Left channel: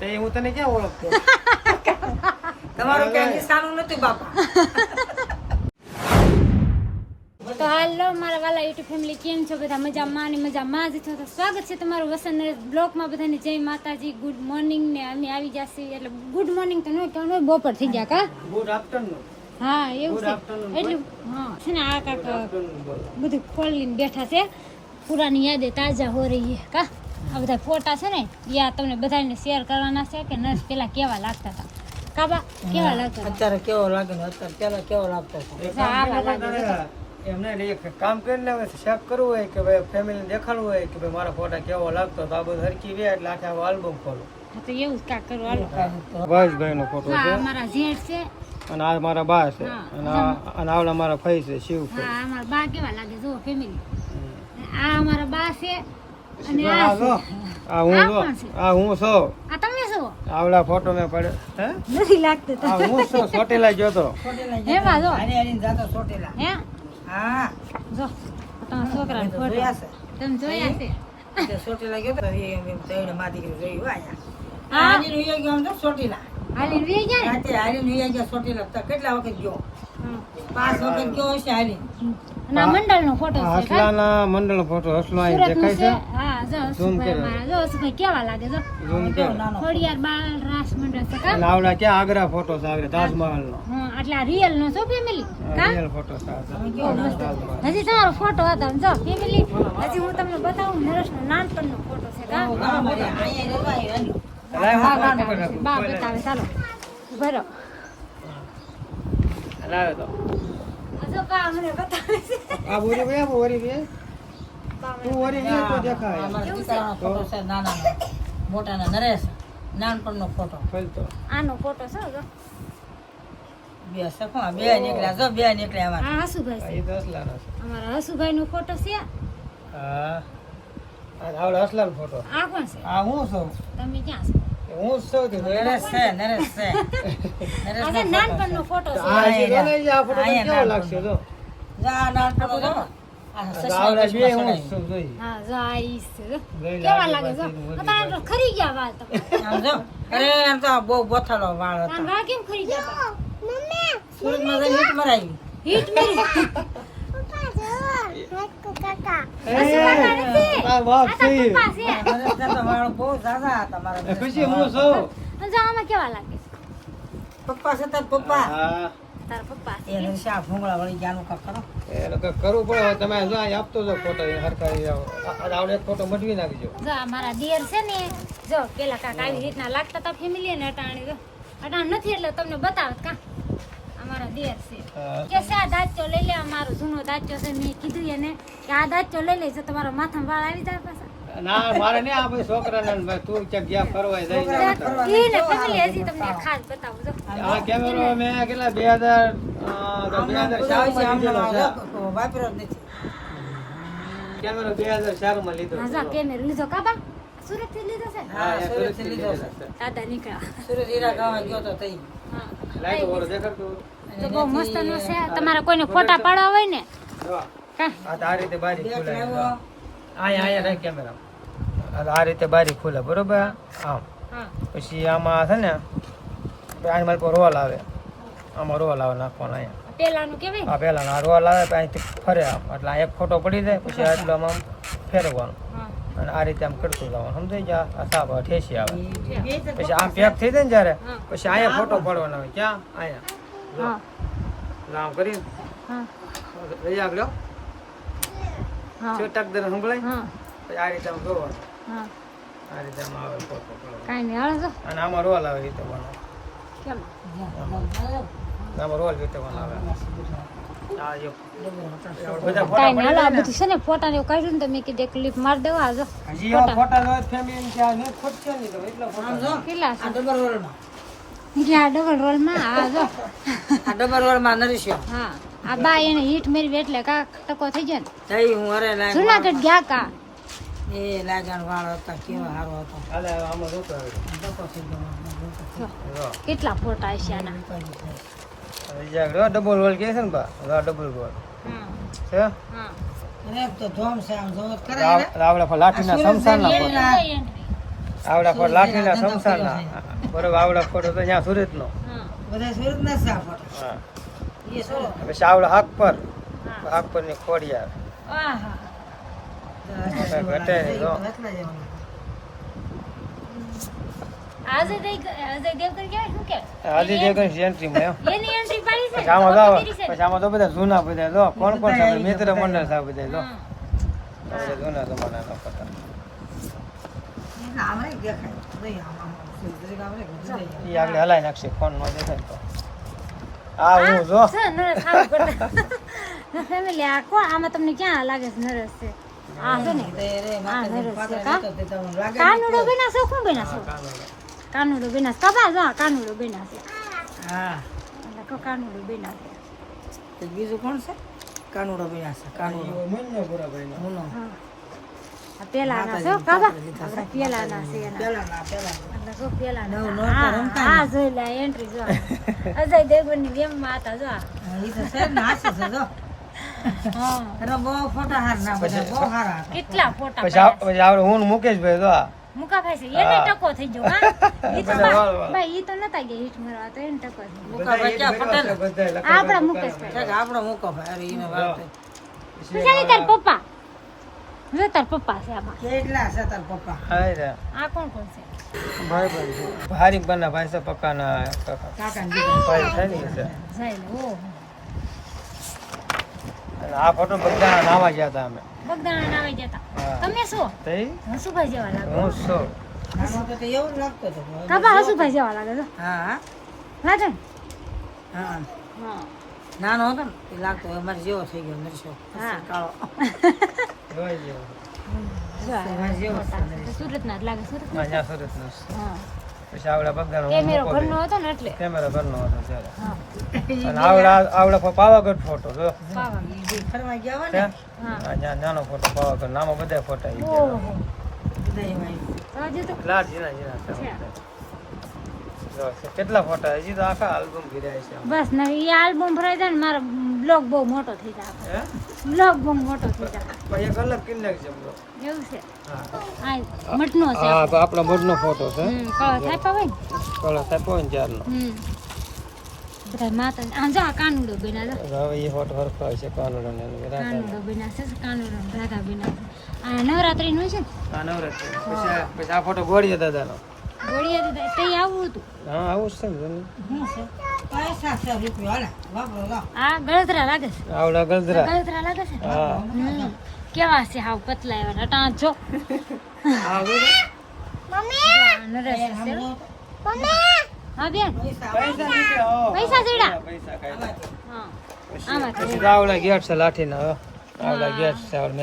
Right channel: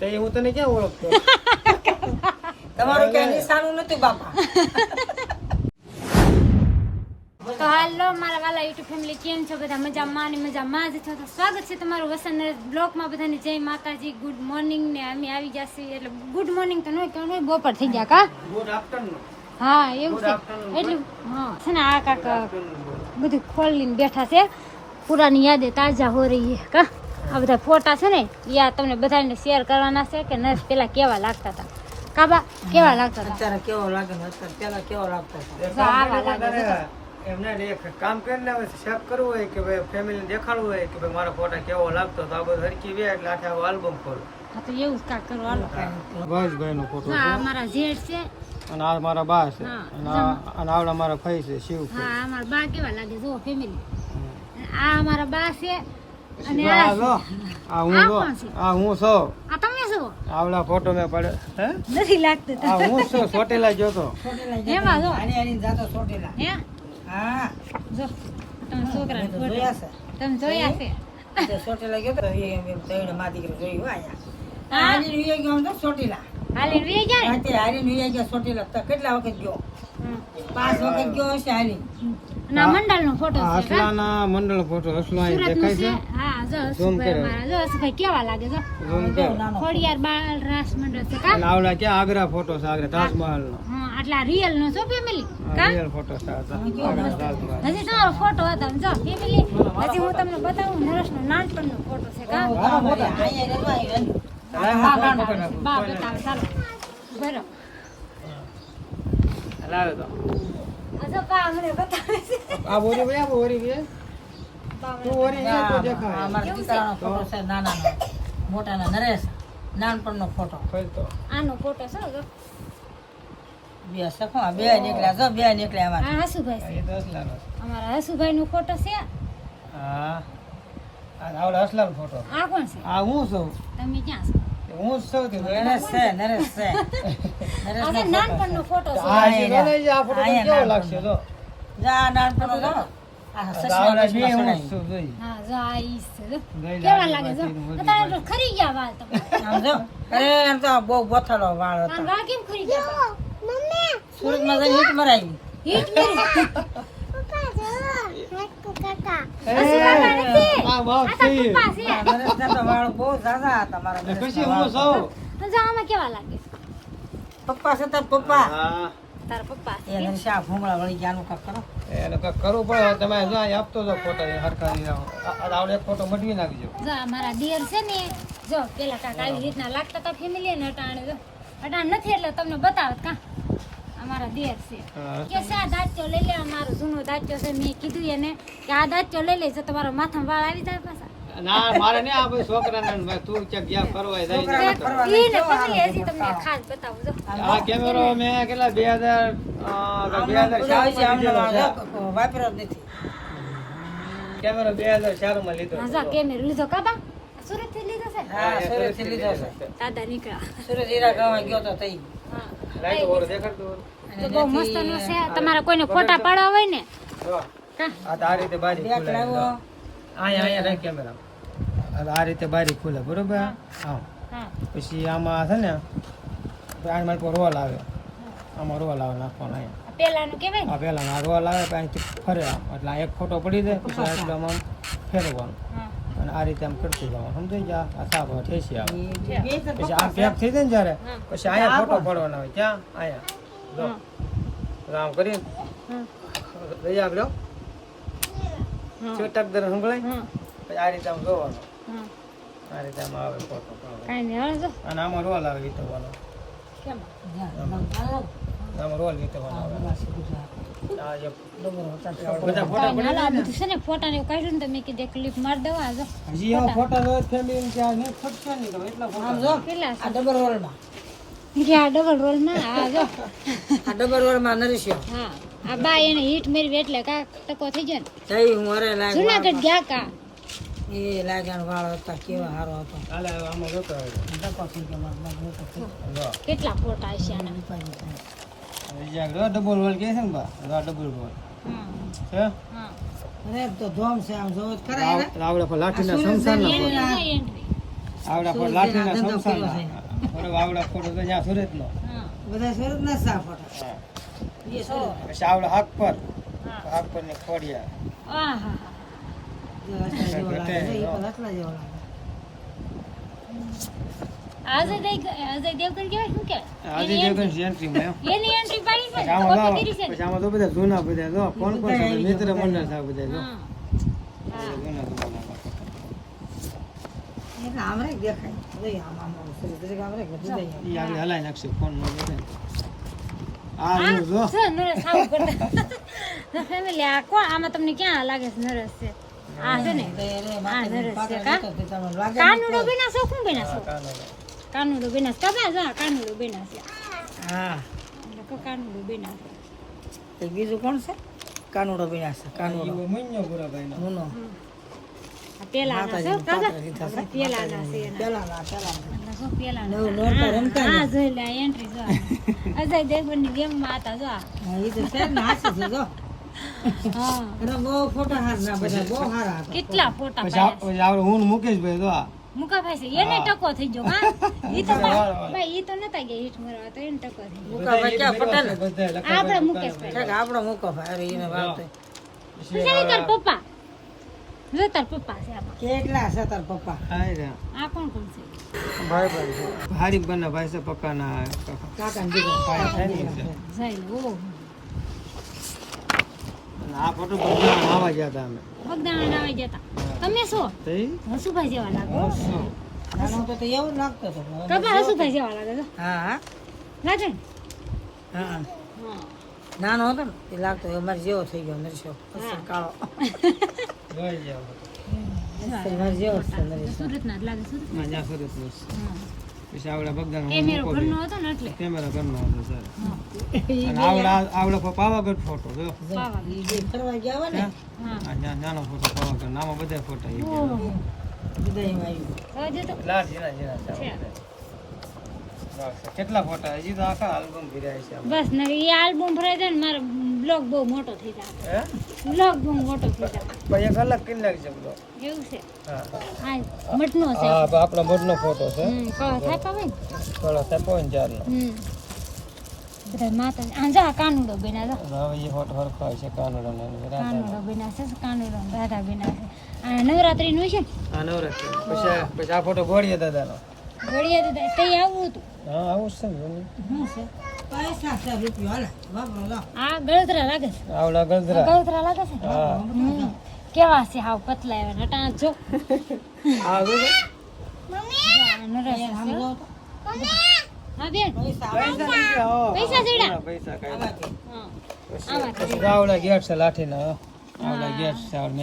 તો હું તને ક્યાં ઓળખતો? તમારું ક્યાંય નિશાનું નથી બાપા. તો હાલો મારા વાલા યુટ્યુબ ફેમિલી કેમ છો? બધા મજામાં અને મજામાં જ છો? તો સ્વાગત છે તમારું વસંત બ્લોકમાં બધાને જય માતાજી ગુડ મોર્નિંગ ને અમે આવી જશે. એટલે ગુડ મોર્નિંગ તો નહીં કહેવાનું બપોર થઈ ગયા કા? ગુડ આફ્ટરનૂન હા એવું છે. એટલું હા છે ને આ કાક બધું ખોલીને બેઠા છે. પુરાની યાદે તાજા હો રહી હે કા? આ બધા ફોટા છે ને યા તમને બધાને શેર કરવાના છે કે નર્સ પેલા કેવા લાગતા હતા. કાબા કેવા લાગતા હતા? અત્યારે કેવો લાગે અત્યારે પેલા કેવો લાગતો હતો? આવા લાગે એમને એક કામ કરીને હવે ચેક કરવું હોય કે ભાઈ ફેમિલી દેખાડવું હોય કે ભાઈ મારો ફોટા કેવો લાગતો તો આ બધું હરકી વે એટલે આખા આલ્બમ ખોલો. હા તો એવું જ કાક કરવું હાલો. ભાઈ નો ફોટો છે. આ મારા જેઠ છે. અને આ મારા બા છે. અને અને આવડા મારા ફઈ છે શિવ હા આ મારા બા કેવા લાગે જો ફેમિલી આ અમારા બા છે અને આ આ છે. આ હું આ જો કોણ છે? આ હું છું? આ તમે શું આવડા ફોટો મેં પડે હે? નથી લાગતું આ હું છું? ચોટીલા ગયો તો. એમાં જો. હારી હારીને જાતો ચોટેલા. હે? હા. જો તમારા છોકરા મેં જોયા છે. તમે જોયા છે? તે ગયો તો એમ એમ તઈને મા દીકરી જોયું આયા. હા. હારીને ઉઈ ગયો તો ચોટીલા. હાલીને વી ગયા ને? ગયા કેટલા વખત ગયો? પાંચ વખત ગયો હશે હારીને અને આ મંડળનો ફોટો છે ફોટો અહીં દેખાય હા જો હસુભાઈ કેવા લાગે જો ખોડિયાર બાળ રાસ મંડળ છે કા? અને આવડા ક્યાં? આગ્રા ફોટો છે આગ્રા તાજમહલ નો હા આટલા રિયલ નો છો ફેમિલી કા? રિયલ ફોટો છે આ આગ્રા તાજમહલ. હજી તમારો ફોટો હતો જો ફેમિલી હજી હું તમને બતાવું નરેશનો નાનપણનો ફોટો છે કા? બતાવે ચાલો. તો. આ બોરી આ બોરી મને તું ઓરી ભાઈ તો દેખાય. અમારા દીકરાનો ફોટો છે નાનાનો. મોટાના નરેશ નાનપણનો ફોટો. ફલતો. આનો ફોટો છે જો. બે સખો બે નીકળ્યા. જો બે નીકળ્યા અમારા. આ હસુભાઈ આ છે એ અમારા હસુભાઈ નો ફોટો છે. હા. આ આવડા હસલાનો ફોટો. આ કોણ છે? આ હું છું? તમે ક્યાં છો? હું છું નરેશ છે. નરેશ છે આ નાનપણનો ફોટો છે. આ જે આ ફોટો કેવો લાગશે જો? જા નાનપણનો જો. આ આ સસરા આવડા બે બસમાં હું જ સડાયું. છું જોઈ હા જો આ ઈ છે જો. ગઈ કેવા લાગે લાગે જો? બાકી નું અત્યારે તો ખરી ગયા વાળ તમારા આમ જો અરે આમ તો બહુ બોથડો વાળ આમ હતો. વાળ કેમ ખરી ગયા? મમ્મી સુરતમાં જઈને હીટ મરાવી આ બાપ છે પપ્પા છે. પપ્પા છે તાર પપ્પા? એ ભૂંગળા વળી ગયા કાક કરો. એ લોકો કરવું પડે તમે જ્યાં આપતો ફોટો એ આ આવડે એક ફોટો મટવી નાખજો. જો આ મારા દિયર છે ને જો પેલા કાક આવી રીતના લાગતા તો ફેમિલી ને અટાણે જો. અટાણ નથી એટલે તમને બતાવત કા? અમારા દિયર છે. કે છે આ દાંચો લઈ લે અમારો જૂનો દાંચો છે મેં કીધું એને કે આ દાંચો લઈ લેજો તમારા માથામાં વાળ આવી જાય પાછા. ના મારે નહીં આ ભાઈ છોકરાને તું ક્યાંક ગયા ફરવા જઈ છોકરાને ફરવા ઈ ને ફેમિલી હજી તમને ખાસ બતાવું જો. આ કેમેરો મેં કેટલા બે હજાર બે હજાર ચારમાં વાપરો નથી. કેમેરો બે હજાર ચારમાં લીધો હા કેમેરો લીધો કાબા સુરતથી લીધો છે? હા સુરતથી લીધો છે. દાદા નીકળ્યા. સુરત હીરા ગાવા ગયો તો તઈ. હા લાઈટ ઓર દેખાડતું બહુ મસ્ત નો છે તમારે કોઈને ફોટા પાડવા હોય ને આ તો આ રીતે બારી ખુલે લાવ્યો. અહીંયા અહીંયા રાખ કેમેરા આ રીતે બારી ખુલે બરોબર આમ હા પછી આમાં છે ને અહીં મારી પર રોલ આવે આમાં રોલ આવે નાખવાનો અહીંયા પેલાનું કેવાય આ પહેલા આ રોલ આવે પછી અહીંથી ફરે આમ એટલે આ એક ફોટો પડી જાય પછી આટલું આમ આમ અને આ રીતે આમ કરતું જવાનું સમજાય ગયા આ સાપ ઠેસી આવે પછી આમ પેક થઈ જાય ને જ્યારે પછી અહીંયા ફોટો પડવાનો હોય ક્યાં અહીંયા આમ કરીને. રહી આગળ છેટક દર સંભળાય. પછી આ રીતે આમ જોવાનો. આ રીતે આમ આવે ફોટો જો. અને આમાં રોલ આવે વીતવાનો કેમ? આમાં. રોલ વીતવાનો આવે. આ જે બધા ફોટા ને? ફોટા ને એવું કાઢ્યું ને તમે કીધું ક્લિપ મારી દેવા હજી એવા ફોટા. ફેમિલી કેટલા છે? ડબલ રોલમાં ગયા ડબલ રોલમાં? આ જો. આ ડબલ રોલમાં નરીશ્યો હા. આ બા એને હીટ મેળવી એટલે કાક ટકો થઈ ગયો ને. તઈ હું અરે લાગ જુનાગઢ ગયા કા? એ લાગણ વાળો હતા કેવો સારો હતો. આમાં જોતો થઈ કેટલા ફોટા આના? છે. હવે જ્યાં જો ડબલ રોલ કહે છે ને બા? ડબલ રોલ છે હા. તો ધોમ છે આમ જોવો તો રાવડા લાઠીના આવડા ફોટો લાઠીના સંસારના બરોબર આવડા ફોડ તો ત્યાં સુરતનો. નો બધા સુરત ના સાફ હતા. હા. એ સુરત. પછી આવડા હાક પર. હાક પરની જેવા લાગે. આજે દઈ આજે શું કે? આજે જે કઈ જયંતિમાં એની એન્ટ્રી પાડી છે પછી આમાં પછી તો બધા જૂના બધા જો. કોણ કોણ મિત્ર મંડળ બધા જો. જૂના જમાનાના હલાઈ નાખશે આ આ કોણ આમાં તમને ક્યાં લાગે છે નરેશ છે આ છે ને માથે નરેશ છે કાનુડો બીના શું બેના છે. કાનુડો. બીના છે જો કાનુડો બેના છે. હા કાનુડો. બેના છે તે બીજું કોણ છે કાનુડો. બીના છે કાનુડો. મુનો આ પેલાના છો આપણા પેલાના છે પેલાના નવું હા, જોઈ લે એન્ટ્રી જો અજય હતા જો. તો છે છે જો કેટલા ફોટા પછી મુકેશ ભાઈ જો મુકા ભાઈ છે એને ટકો થઈ જો હા ઈ તો ભાઈ ઈ તો નતા ગયા હિટ મારવા તો એને ટકો થઈ મુકા ભાઈ ક્યાં પટેલ બધાય મુકેશ ભાઈ આપણો મુકો ભાઈ અરે એને વાત તો. પપ્પા જો તાર પપ્પા છે આમાં. કેટલા છે તાર પપ્પા? હાય રે. આ કોણ કોણ છે? ભાઈ ભાઈ છે. હારીફભાઈના ભાઈ છે પક્કાના કાકા. કાકા ને દીકરા ભાઈ છે ને જાય લો આ ફોટો બધા નાવા ગયા હતા અમે. બગદાણા નાવા ગયા હતા. તમે શું હસુભાઈ જેવા લાગો હસો. નાનો તો એવું લાગતો હતો. કપા હસુભાઈ જેવા લાગે તો હા હા. લાગે હા હા. નાનો હતો ને તે લાગતો અમારે જેવો થઈ ગયો નરસો હા. કાળો. સુરતનો પછી આવડા બગદાનો એ મેરો. આવડા પાવાગઢ ફોટો નાનો ફોટો પાવાગઢ નામાં બધા ફોટા લાડ ઝીણા ઝીણા છે છે. બધા. જો, કેટલા ફોટા? હજી તો આખા આલ્બમ ભરાય છે બસ ને એ આલ્બમ ભરાય જાય ને મારો બ્લોગ બહુ મોટો થઈ જાય. હે? બ્લોગ બહુ મોટો થઈ જાય. પણ એક અલગ કિન છે બધો એવું છે? હા. આ મઠનો છે હા તો આપણો મઢનો ફોટો છે. હમ કળો થાય પાવે ને? કળો સાપો ને ચારનો હમ. બધા માતા આ જા કાનુડો બેના જો હવે એ ફોટો હરખો છે કાનોડા ને કાનુડો બેના છે કાનુડો રાધા બેના આ નવરાત્રી નું? છે આ નવરાત્રી પછી આ- પછી આ ફોટો ગોળીએ દાદાનો. ઘોડિયા દીધા તે આવું હતું. હા આવું છે ને જોને. છે પૈસા છે રૂપિયો હાલે. વાપરો આ ગળતરા લાગે છે. આવડા લાગે છે? હા. કેવા છે હાવ પતલા એવા જો. હો. બેન. પૈસા? હા, આવડા ગેટ છે લાઠીના હો. આવડા ગેટ છે આવડા.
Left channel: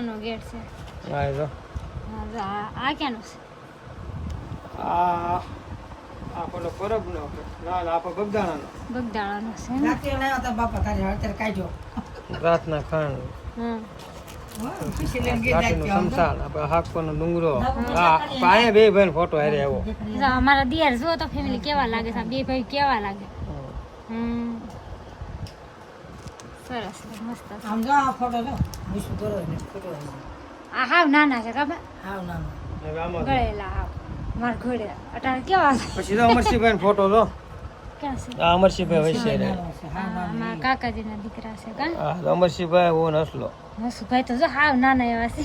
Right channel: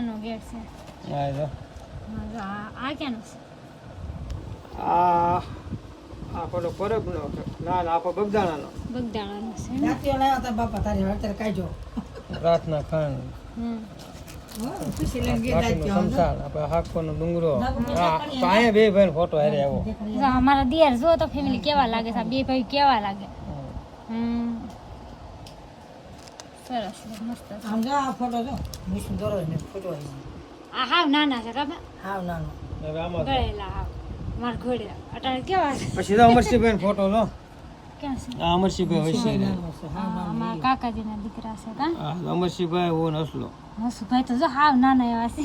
ને ગેટ છે. હા, જો. આ આ ક્યાંનો છે? આ આ પેલો પરબનો ના ના બગદાણાનો. બગદાણાનો છે ને? રાત્રે લાવ્યા હતા બાપા તારે અત્યારે કાઢ્યો. રાતના ખાણ. હમ. આપણે અમારા દિયર જો તો ફેમિલી કેવા લાગે છે બે ભાઈ કેવા લાગે. હમ. સરસ મસ્ત છે. આમ જો આ ફોટો જો. વિષ્ણુ દોરો ને ફોટો આ હાવ નાના છે કાબા હાવ નાના. હવે આમાં ગળેલા હાવ. મારા ઘોડે અટાણ કેવા? પછી તો અમરસિંહભાઈ ફોટો લો. અમરસિંહભાઈ નાનો છે. અમારા કાકાજીના દીકરા છે કા? અમરસિંહભાઈ હું નસલો હસુભાઈ તો જો હાવ નાના એવા છે.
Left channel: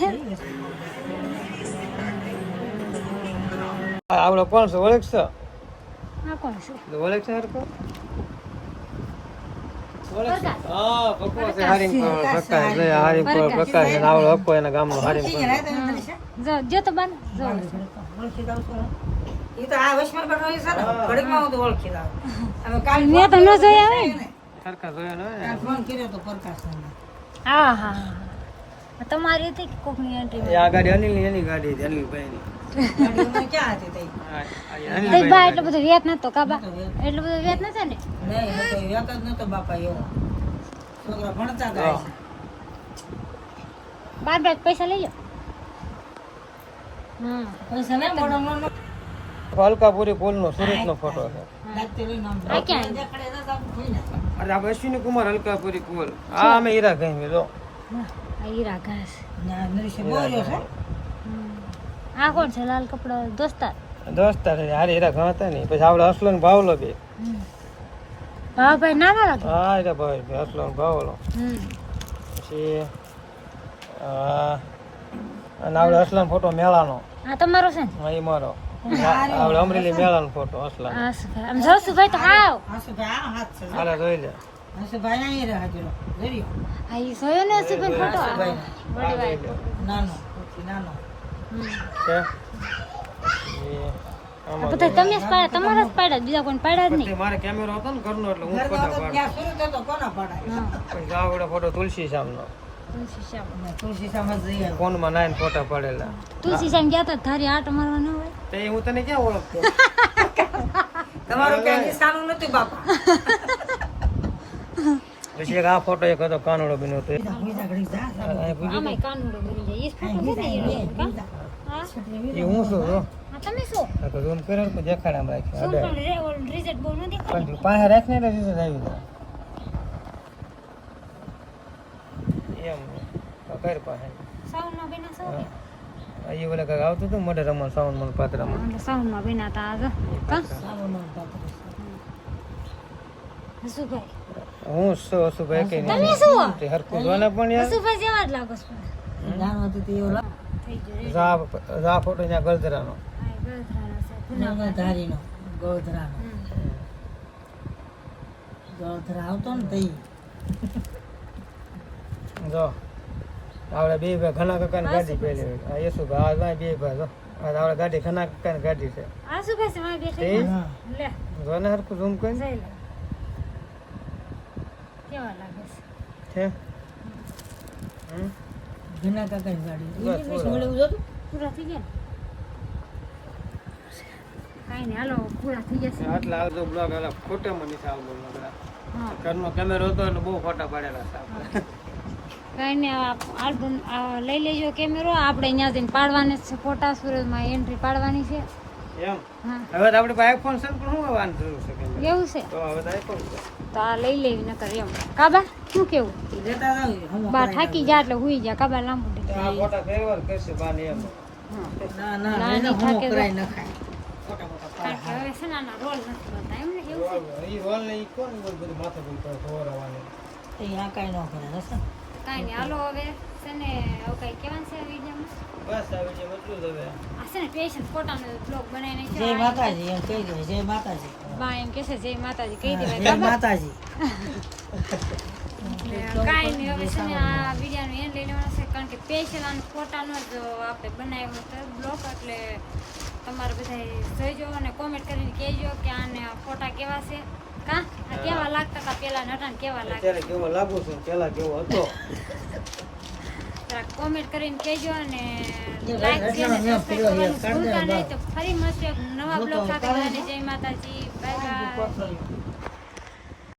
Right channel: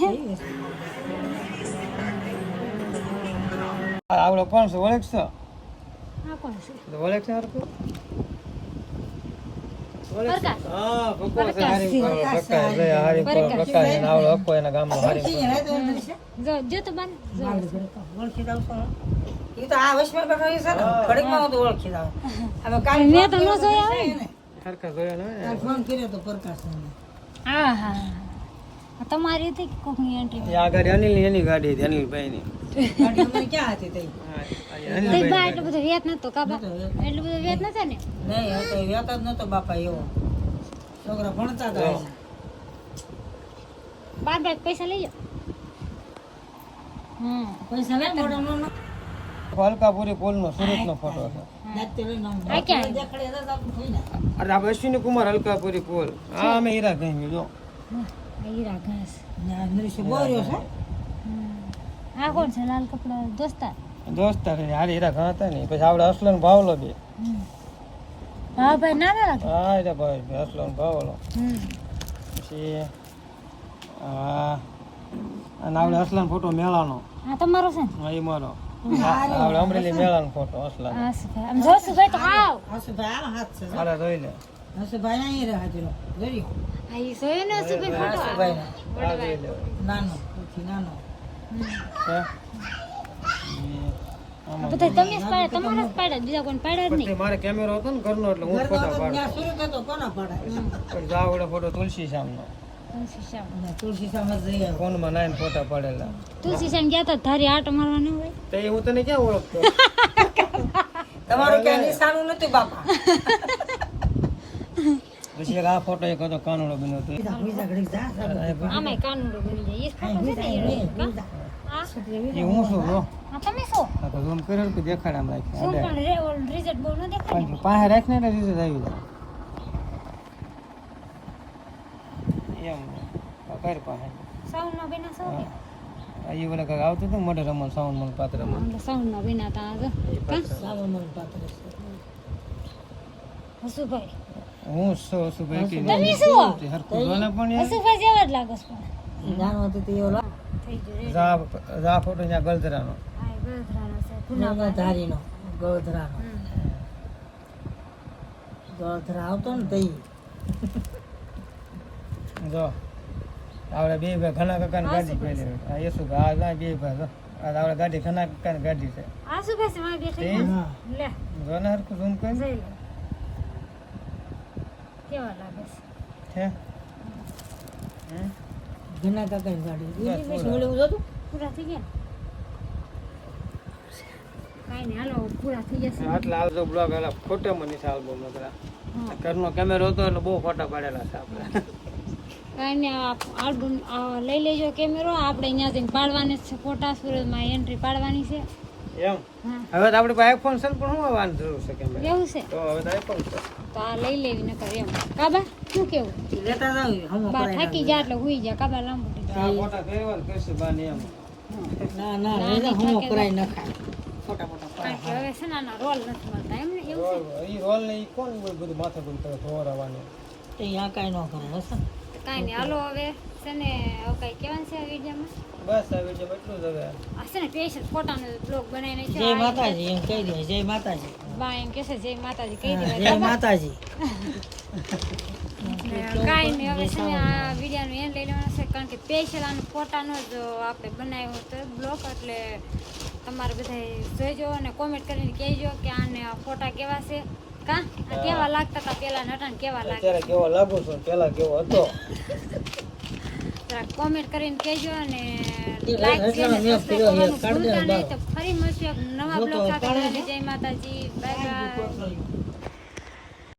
આવડો કોણ છે? ઓળખ છે આ કોણ છે? ઓળખ છે તમારી હતી કોકની એન્ટ્રી આ ગાડી અનિલની એની ગાડી હતી હા, આ તઈ બા એટલું બધું વ્યાત નતો કાબા. એટલું બધું વ્યાત નતો ને? નહીં હતો જ નતો બાપા એવો. છોકરા ભણતા હતા બાર પૈસા લઈ લો હમ પૈસા લે નો. અલકાપુરી પુલનો ફોટો છે. આ. અરે આ અશ્વિની કુમાર અલકાપુરી પુલ હા. અમે હીરા ગઈ જો. હીરા ઘાસ. છે. હમ. આ કોણ છે લાલ કપડો દોસ્તાર? દોસ્તાર હારે હીરા ઘણા હતા ને પછી આપણે અસલો ને ભાવલો બે. ભાવભાઈ નાના લાગે હા એટલે ભાઈ અસલો ને ભાવલો. પછી આ અને આપણે અસલામ ફોટો મેળાનો. આ તમારો છે હા, એ મારો. આપણે અમરેલી મેળાનો ફોટો અસલામ આમ જોશુભાઈ તો હાવ. હસુભાઈ આ હાથ છે. હાલે જોઈ લે. હસુભાઈ અહીં રહે. હાજરો જોયું આ ઈ જોયો ને ફોટો? નાનો નાનો. બધા તમે જ પાડ્યા તમારા જ પાડ્યા બીજા કોઈ પાડ્યા જ નહીં. મારે કેમેરો હતો ને ઘરનો એટલે હું ફોટા પાડું. ત્યાં શરૂ થતો કોના પડાય પછી આવડે ફોટો તુલસી સામનો તુલસી શ્યામ. તુલસી ફોનમાં નાઈન ફોટા પડેલા. તુલસી શ્યામ ગયા તો ધારી આટો મારવા ન હોય? તે હું તને ક્યાં ઓળખતો? તમારું ક્યાંય નિશાનું નથી બાપા? પછી એક આ ફોટો એક હતો કાનુડો બન્યો હતો. આમાંય કાનુડો બની જાય. એ ફોટો છે ને કા? હા? હું શું હા? તમે શું? તો ઝૂમ કર્યો તો દેખાડામાં રાખ્યો શું પણ રે ઓલ રિઝલ્ટ બહુ ન દેખાય. પણ પાસે રાખને એટલે રિઝલ્ટ આવી જાય. એમ કર પાસે. સાઉન્ડમાં બેના સૌ આ ઓલા કાંઈક આવતું હતું મોઢે રમણ સાઉન્ડમાં પાત્રમાં સાઉન્ડમાં બેના તા જો. કા? હસુભાઈ. હું શું હશું ભાઈ કે તમે શું? હરખું પણ યાર. હસુભાઈ જેવા જ લાગો છો. જાણો તો તે ઓલો રા રા ફોટો ન્યા ગલધરાનો આ ગળધરાના છે પુના ધારીનો ગોધરાનો ગોધરા આવતો ને તઈ. જો આપણે બે ભાઈ ઘણા કાકાની ગાડી પહેલી આ યસુ ભાઈ આ બે ભાઈ જો. આ આપણે ગાડી ઘણા કાકાની ગાડી છે. આ શું કહે છે માં બેઠી. લે. જો ને હરખું ઝૂમ કરી જઈ લે. કેવા લાગે છે હમ? ઘણા કાકાની ગાડી. ઈ જોતું? પૂરા થઈ ગયા કાંઈ નહીં હાલો પૂરા થઈ જશે. આટલા હાલ તો બ્લોગ હાલા નકરા ઘરનો કેમેરો હતો એટલે બહુ ફોટા પાડેલા હતા આપણે. કાંઈ નહીં આ આલ્બમ લઈ લેજો કેમેરો આપણે અહીંયા જઈને પાડવાના જ છે ફોટા. સુરતમાં એન્ટ્રી પાડવાની છે. એમ? હા. હવે તો આપણી પાસે આઈફોન છે પણ શું આવવાની જરૂર છે કેમેરા એવું છે? તો હવે તો આઈફોન છે. તો આ લઈ લેવી નકર એમ. કાબા શું કેવું? લેતા જાવ બા થાકી ગયા એટલે હુઈ જા કાબા લાંબુ દીધું આ ફોટા ફેરવા ને કરશે બાની એમ. ના ના ના, એને હું હમ ન ખાય મોટા કારણ કે હવે છે ને રોલ નથી મળતા એમ ને એવું રોલ ને ઈ કોણ બધું માથે બધું કરે ધોરાવાની અહીંયા કાંઈ ન કરે બસ કાંઈ નહીં. હાલો હવે છે ને હવે કાંઈ કહેવાનું છે આ વિડીયોમાં? બસ આ વીડિયો એટલું જ હવે. આ છે ને સ્પેશિયલ ફોટાનો બ્લોગ બનાવીને જય માતાજી એમ કહી દો જય માતાજી. બા એમ કહેશે જય માતાજી કહી દેવાય જય માતાજી. કાંઈ નહીં હવે છે ને આ વિડીયોનો એન્ડ લઈ લેવાનું છે કારણ કે પેશલ આનો ફોટાનો જ આપણે બનાવ્યો હતો બ્લોક એટલે તમારે બધા જોઈજો અને કોમેન્ટ કરીને કહેજો કે આને ફોટા કેવા છે. કા? આ કેવા લાગતા હતા પેલા નટાને કેવા લાગે? અત્યારે કેવો લાગુ છું પેલા કેવો હતો. કોમેન્ટ કરીને કહેજો અને લાઈક છે ને સબસ્ક્રાઇબ કરવાનું ભૂલતા નહીં. તો ફરી મળશું એક નવા બ્લોગ સાથે. જય માતાજી. બાય